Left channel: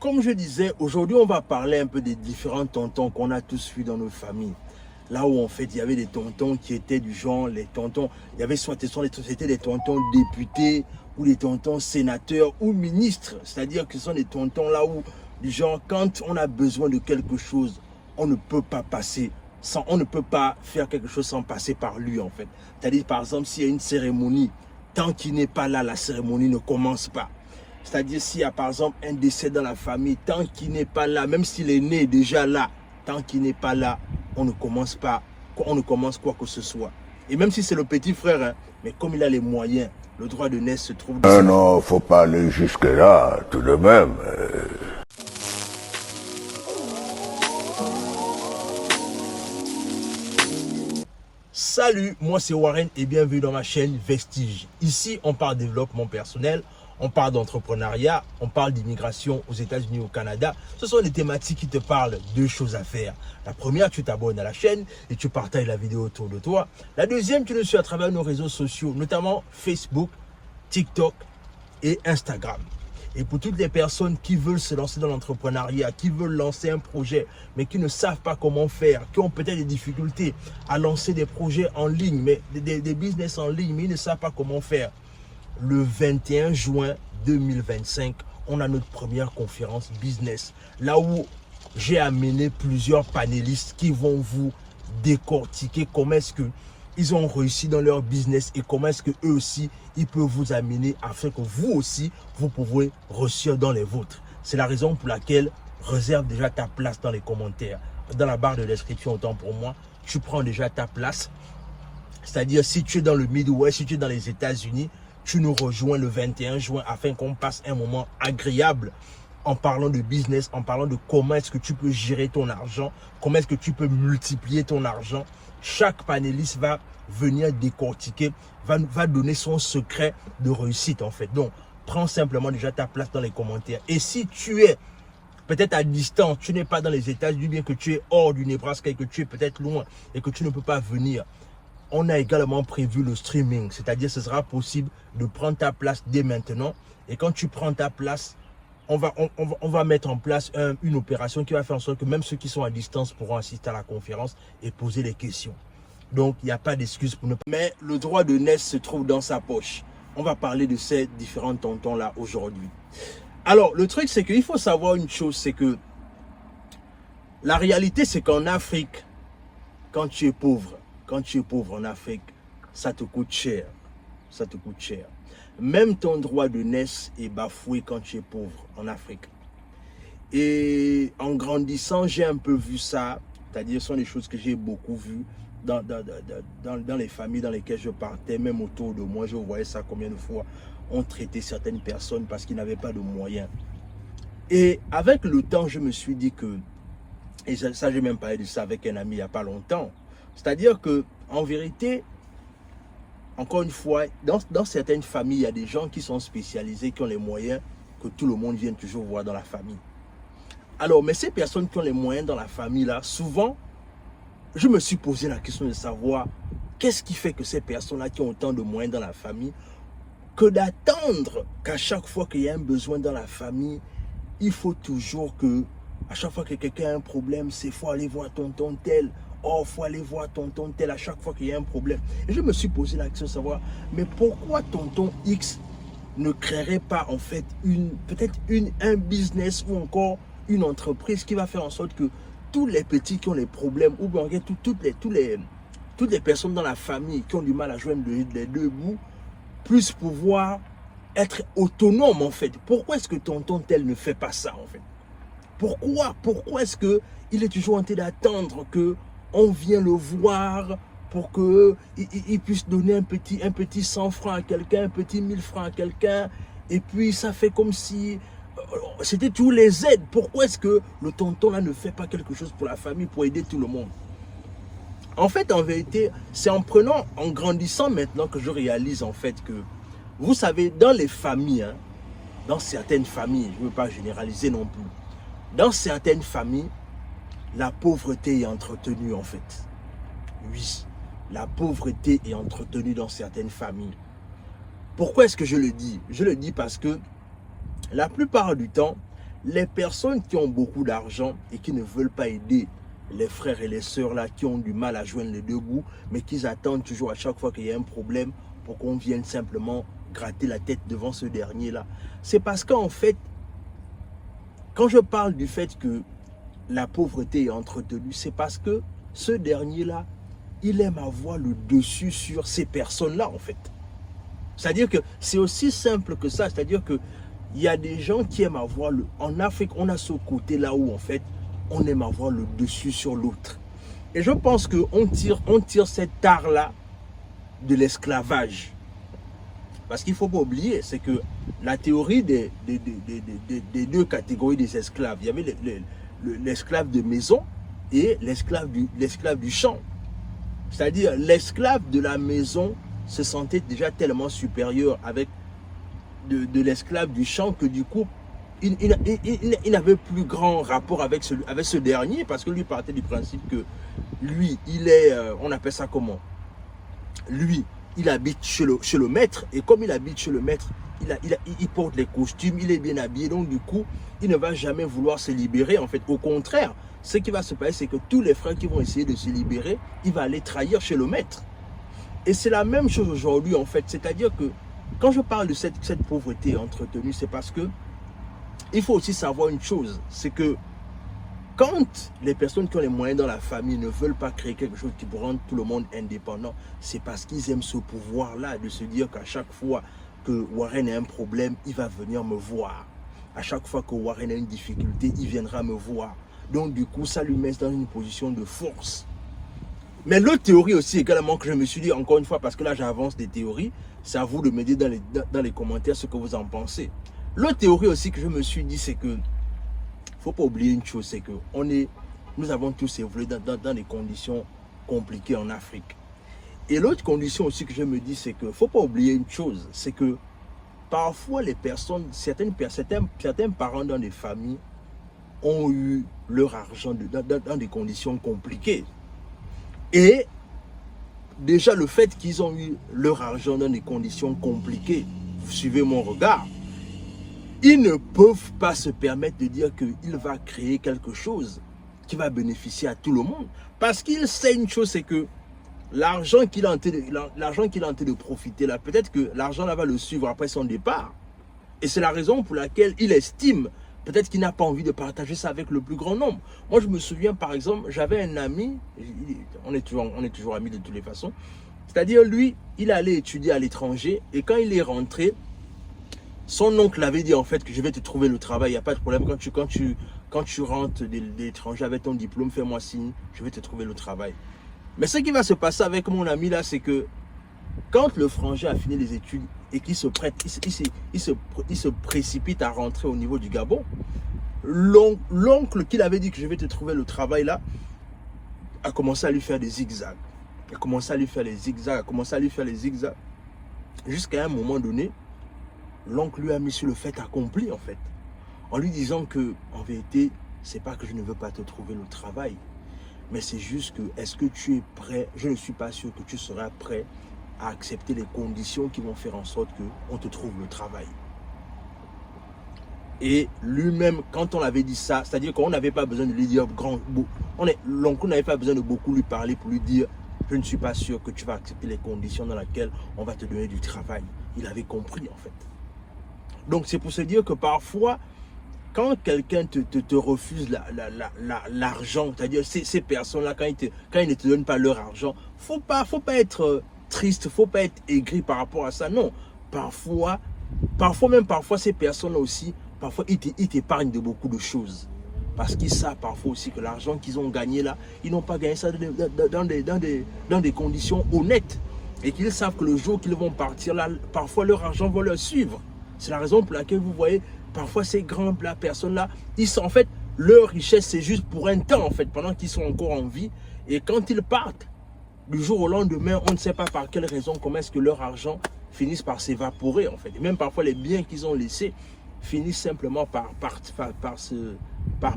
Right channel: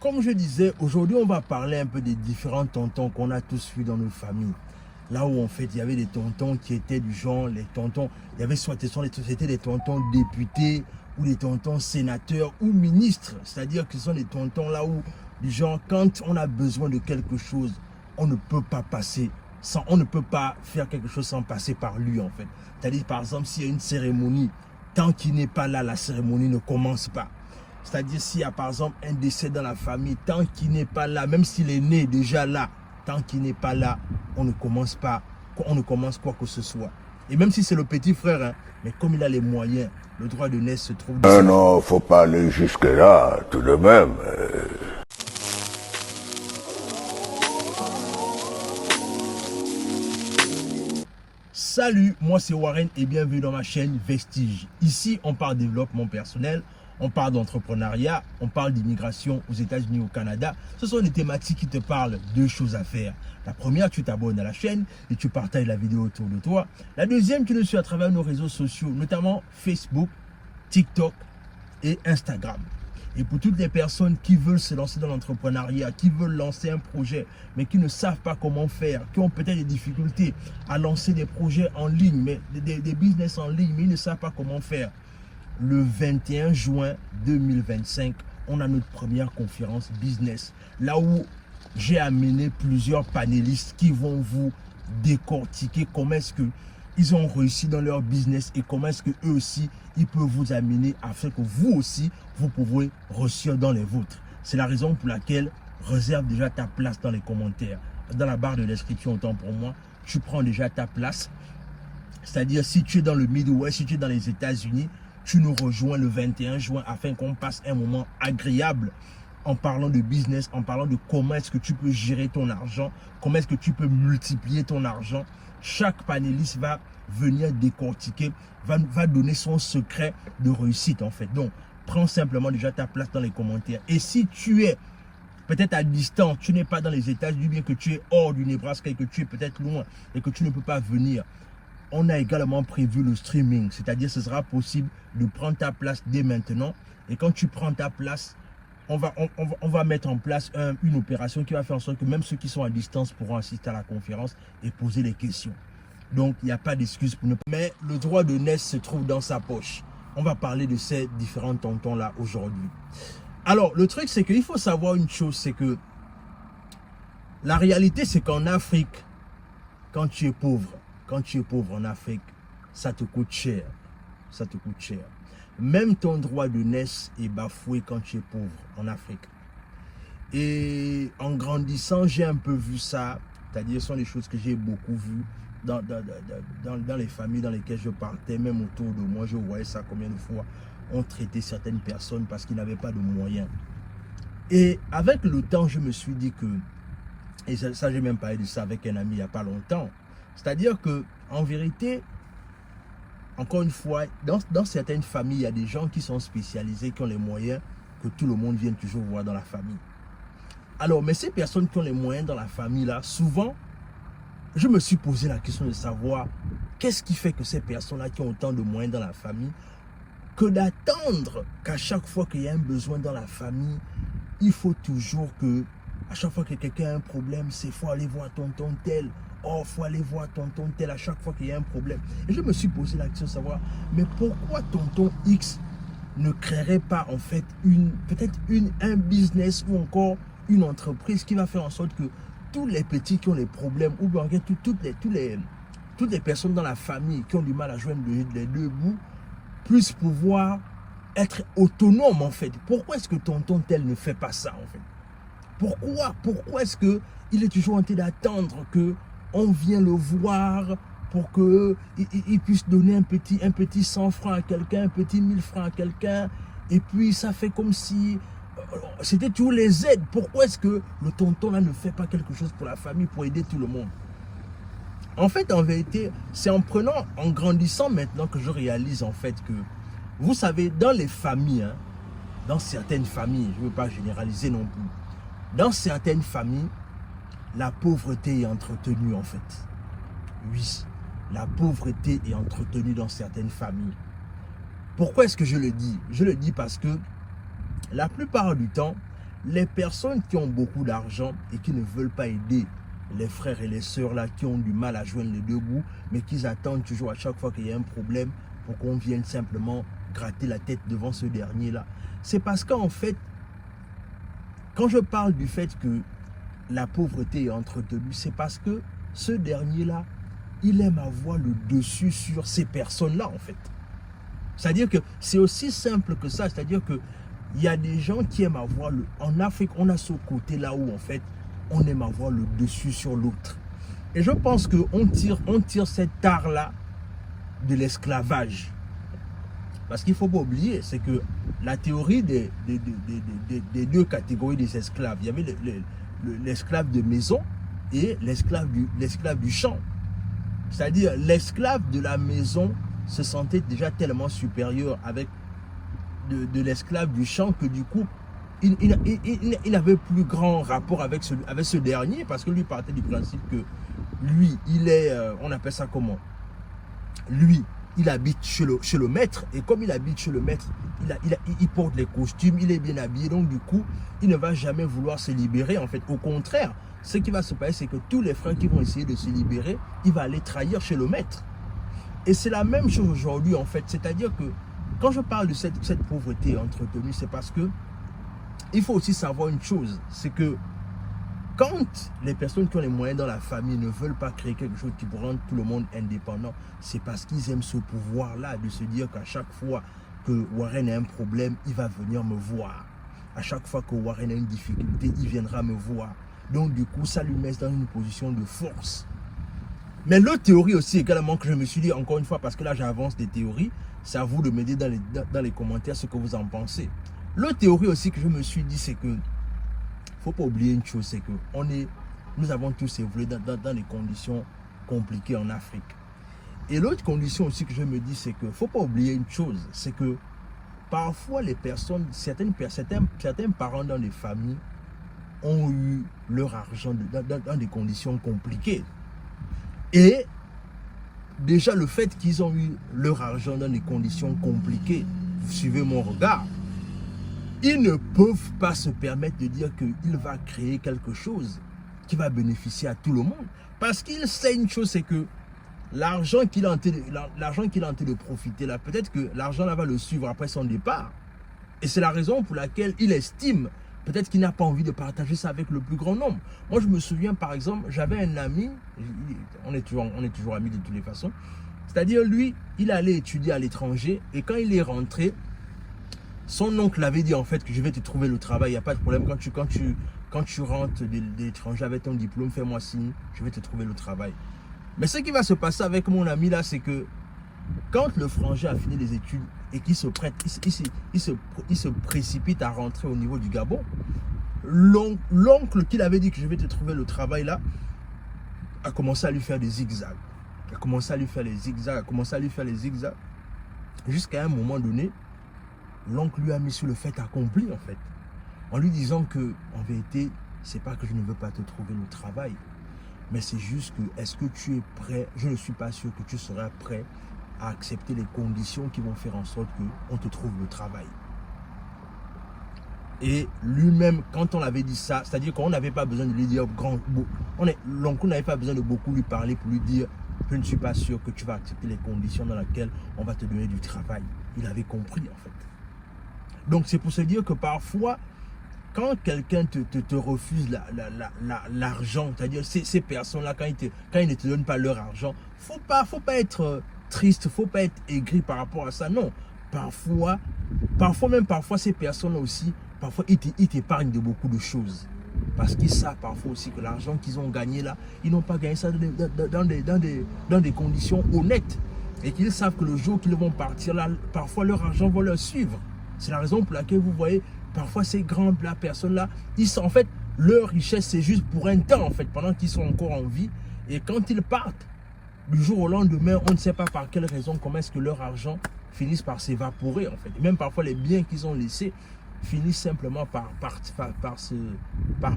Comme je disais, aujourd'hui, on va parler un peu des différents tontons qu'on a tous vus dans nos familles. Là où en fait, il y avait des tontons qui étaient du genre, les tontons, il y avait c'était des tontons députés ou des tontons sénateurs ou ministres. C'est-à-dire que ce sont des tontons là où, du genre, quand on a besoin de quelque chose, on ne peut pas passer sans, on ne peut pas faire quelque chose sans passer par lui en fait. C'est-à-dire, par exemple, s'il y a une cérémonie, tant qu'il n'est pas là, la cérémonie ne commence pas. C'est-à-dire s'il y a par exemple un décès dans la famille, tant qu'il n'est pas là, même s'il est né déjà là, tant qu'il n'est pas là, on ne commence quoi que ce soit. Et même si c'est le petit frère, hein, mais comme il a les moyens, le droit de naissance se trouve... Non, faut pas aller jusque-là, tout de même. Salut, moi c'est Warren et bienvenue dans ma chaîne Vestige. Ici, on parle développement personnel, on parle d'entrepreneuriat, on parle d'immigration aux États-Unis, au Canada. Ce sont des thématiques qui te parlent de choses à faire. La première, tu t'abonnes à la chaîne et tu partages la vidéo autour de toi. La deuxième, tu nous suis à travers nos réseaux sociaux, notamment Facebook, TikTok et Instagram. Et pour toutes les personnes qui veulent se lancer dans l'entrepreneuriat, qui veulent lancer un projet, mais qui ne savent pas comment faire, qui ont peut-être des difficultés à lancer des projets en ligne, mais des business en ligne, mais ils ne savent pas comment faire. Le 21 juin 2025, on a notre première conférence business. Là où j'ai amené plusieurs panélistes qui vont vous décortiquer comment est-ce que ils ont réussi dans leur business et comment est-ce que eux aussi, ils peuvent vous amener afin que vous aussi, vous pouvez réussir dans les vôtres. C'est la raison pour laquelle réserve déjà ta place dans les commentaires. Dans la barre de description, autant pour moi, tu prends déjà ta place. C'est-à-dire, si tu es dans le Midwest, si tu es dans les États-Unis, tu nous rejoins le 21 juin afin qu'on passe un moment agréable en parlant de business, en parlant de comment est-ce que tu peux gérer ton argent, comment est-ce que tu peux multiplier ton argent. Chaque panéliste va venir décortiquer, va donner son secret de réussite en fait. Donc, prends simplement déjà ta place dans les commentaires. Et si tu es peut-être à distance, tu n'es pas dans les États-Unis, bien que tu es hors du Nebraska et que tu es peut-être loin et que tu ne peux pas venir, on a également prévu le streaming. C'est-à-dire ce sera possible de prendre ta place dès maintenant. Et quand tu prends ta place, on va mettre en place une opération qui va faire en sorte que même ceux qui sont à distance pourront assister à la conférence et poser des questions. Donc, il n'y a pas d'excuse pour ne pas... Mais le droit de naissance se trouve dans sa poche. On va parler de ces différents tontons-là aujourd'hui. Alors, le truc, c'est qu'il faut savoir une chose, c'est que la réalité, c'est qu'en Afrique, quand tu es pauvre en Afrique, ça te coûte cher. Ça te coûte cher. Même ton droit de naissance est bafoué quand tu es pauvre en Afrique. Et en grandissant, j'ai un peu vu ça. C'est-à-dire, ce sont des choses que j'ai beaucoup vues dans les familles dans lesquelles je partais, même autour de moi. Je voyais ça combien de fois on traitait certaines personnes parce qu'ils n'avaient pas de moyens. Et avec le temps, je me suis dit que, et ça j'ai même parlé de ça avec un ami il n'y a pas longtemps, c'est-à-dire que en vérité, encore une fois, dans certaines familles, il y a des gens qui sont spécialisés, qui ont les moyens que tout le monde vienne toujours voir dans la famille. Alors, mais ces personnes qui ont les moyens dans la famille, là, souvent, je me suis posé la question de savoir qu'est-ce qui fait que ces personnes-là qui ont autant de moyens dans la famille, que d'attendre qu'à chaque fois qu'il y a un besoin dans la famille, il faut toujours que, à chaque fois que quelqu'un a un problème, c'est faut aller voir tonton tel. Oh, faut aller voir tonton tel à chaque fois qu'il y a un problème. Et je me suis posé la question de savoir, mais pourquoi tonton X ne créerait pas en fait peut-être un business ou encore une entreprise qui va faire en sorte que tous les petits qui ont les problèmes ou bien toutes les personnes dans la famille qui ont du mal à joindre les deux bouts puissent pouvoir être autonomes en fait. Pourquoi est-ce que tonton tel ne fait pas ça en fait? Pourquoi est-ce qu'il est toujours en train d'attendre que on vient le voir pour qu'il puisse donner un petit 100 francs à quelqu'un, un petit 1000 francs à quelqu'un, et puis ça fait comme si c'était tous les aides. Pourquoi est-ce que le tonton là ne fait pas quelque chose pour la famille, pour aider tout le monde? En fait, en vérité, c'est en grandissant maintenant que je réalise en fait que, vous savez, dans les familles, hein, dans certaines familles, je ne veux pas généraliser non plus, dans certaines familles, la pauvreté est entretenue en fait. Oui, la pauvreté est entretenue dans certaines familles. Pourquoi est-ce que je le dis? Je le dis parce que la plupart du temps, les personnes qui ont beaucoup d'argent et qui ne veulent pas aider les frères et les sœurs là qui ont du mal à joindre les deux bouts, mais qui attendent toujours à chaque fois qu'il y a un problème pour qu'on vienne simplement gratter la tête devant ce dernier là. C'est parce qu'en fait, quand je parle du fait que la pauvreté est entretenue, c'est parce que ce dernier là, il aime avoir le dessus sur ces personnes là en fait. C'est-à-dire que c'est aussi simple que ça, c'est-à-dire que il y a des gens qui aiment avoir le... En Afrique, on a ce côté là où en fait, on aime avoir le dessus sur l'autre. Et je pense qu'on tire cet art-là de l'esclavage. Parce qu'il ne faut pas oublier, c'est que la théorie des deux catégories des esclaves, il y avait l'esclave de maison et l'esclave du champ. C'est-à-dire l'esclave de la maison se sentait déjà tellement supérieur avec de l'esclave du champ que du coup, il n'avait plus grand rapport avec ce dernier parce que lui partait du principe que lui, il est, on appelle ça comment? Lui, il habite chez le maître et comme il habite chez le maître, il porte les costumes, il est bien habillé, donc du coup, il ne va jamais vouloir se libérer. En fait, au contraire, ce qui va se passer, c'est que tous les frères qui vont essayer de se libérer, il va aller trahir chez le maître. Et c'est la même chose aujourd'hui, en fait. C'est-à-dire que quand je parle de cette pauvreté entretenue, c'est parce que il faut aussi savoir une chose, c'est que quand les personnes qui ont les moyens dans la famille ne veulent pas créer quelque chose qui rende tout le monde indépendant, c'est parce qu'ils aiment ce pouvoir-là, de se dire qu'à chaque fois que Warren a un problème, il va venir me voir. À chaque fois que Warren a une difficulté, il viendra me voir. Donc du coup, ça lui met dans une position de force. Mais l'autre théorie aussi également que je me suis dit, encore une fois, parce que là j'avance des théories, c'est à vous de me dire dans les commentaires ce que vous en pensez. L'autre théorie aussi que je me suis dit, c'est que faut pas oublier une chose, c'est que nous avons tous évolué dans des conditions compliquées en Afrique. Et l'autre condition aussi que je me dis, c'est que faut pas oublier une chose, c'est que parfois les personnes, certains parents dans des familles ont eu leur argent dans des conditions compliquées. Et déjà le fait qu'ils ont eu leur argent dans des conditions compliquées, vous suivez mon regard, ils ne peuvent pas se permettre de dire qu'il va créer quelque chose qui va bénéficier à tout le monde. Parce qu'il sait une chose, c'est que l'argent qu'il est en train de profiter là, peut-être que l'argent là va le suivre après son départ. Et c'est la raison pour laquelle il estime, peut-être qu'il n'a pas envie de partager ça avec le plus grand nombre. Moi je me souviens par exemple, j'avais un ami, on est toujours amis de toutes les façons, c'est-à-dire lui, il allait étudier à l'étranger et quand il est rentré, son oncle avait dit en fait que je vais te trouver le travail, il n'y a pas de problème, quand tu rentres de l'étranger avec ton diplôme, fais-moi signe, je vais te trouver le travail. Mais ce qui va se passer avec mon ami là, c'est que quand le frangin a fini les études et qu'il se prête, il se précipite à rentrer au niveau du Gabon, l'oncle qui avait dit que je vais te trouver le travail là, a commencé à lui faire des zigzags. Jusqu'à un moment donné, l'oncle lui a mis sur le fait accompli en fait. En lui disant que, en vérité, c'est pas que je ne veux pas te trouver le travail. Mais c'est juste que, est-ce que tu es prêt? Je ne suis pas sûr que tu seras prêt à accepter les conditions qui vont faire en sorte qu'on te trouve le travail. Et lui-même, quand on l'avait dit ça, c'est-à-dire qu'on n'avait pas besoin de lui dire l'oncle n'avait pas besoin de beaucoup lui parler pour lui dire je ne suis pas sûr que tu vas accepter les conditions dans lesquelles on va te donner du travail. Il avait compris en fait. Donc c'est pour se dire que parfois, quand quelqu'un te refuse l'argent, c'est-à-dire ces personnes-là, quand ils ne te donnent pas leur argent, faut pas être triste, faut pas être aigri par rapport à ça. Non, parfois ces personnes-là aussi, parfois ils t'épargnent de beaucoup de choses. Parce qu'ils savent parfois aussi que l'argent qu'ils ont gagné là, ils n'ont pas gagné ça dans des conditions honnêtes. Et qu'ils savent que le jour qu'ils vont partir là, parfois leur argent va leur suivre. C'est la raison pour laquelle vous voyez, parfois ces grandes personnes-là, en fait, leur richesse, c'est juste pour un temps, en fait, pendant qu'ils sont encore en vie. Et quand ils partent, du jour au lendemain, on ne sait pas par quelle raison, comment est-ce que leur argent finisse par s'évaporer, en fait. Et même parfois, les biens qu'ils ont laissés finissent simplement par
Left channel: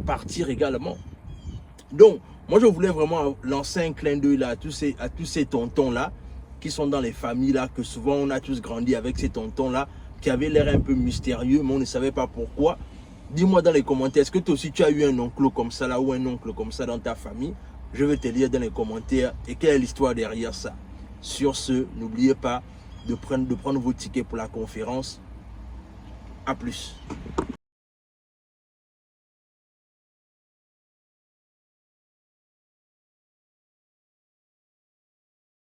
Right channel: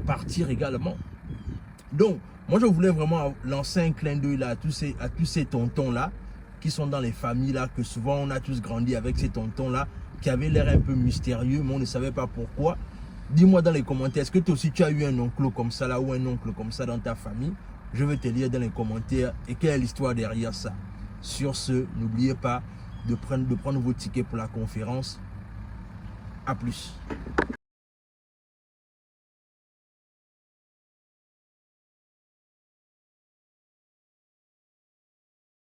partir également. Donc, moi, je voulais vraiment lancer un clin d'œil là à tous ces tontons-là, qui sont dans les familles là, que souvent on a tous grandi avec ces tontons-là, qui avaient l'air un peu mystérieux, mais on ne savait pas pourquoi. Dis-moi dans les commentaires, est-ce que toi aussi tu as eu un oncle comme ça là ou un oncle comme ça dans ta famille? Je vais te lire dans les commentaires et quelle est l'histoire derrière ça. Sur ce, n'oubliez pas de prendre vos tickets pour la conférence. A plus.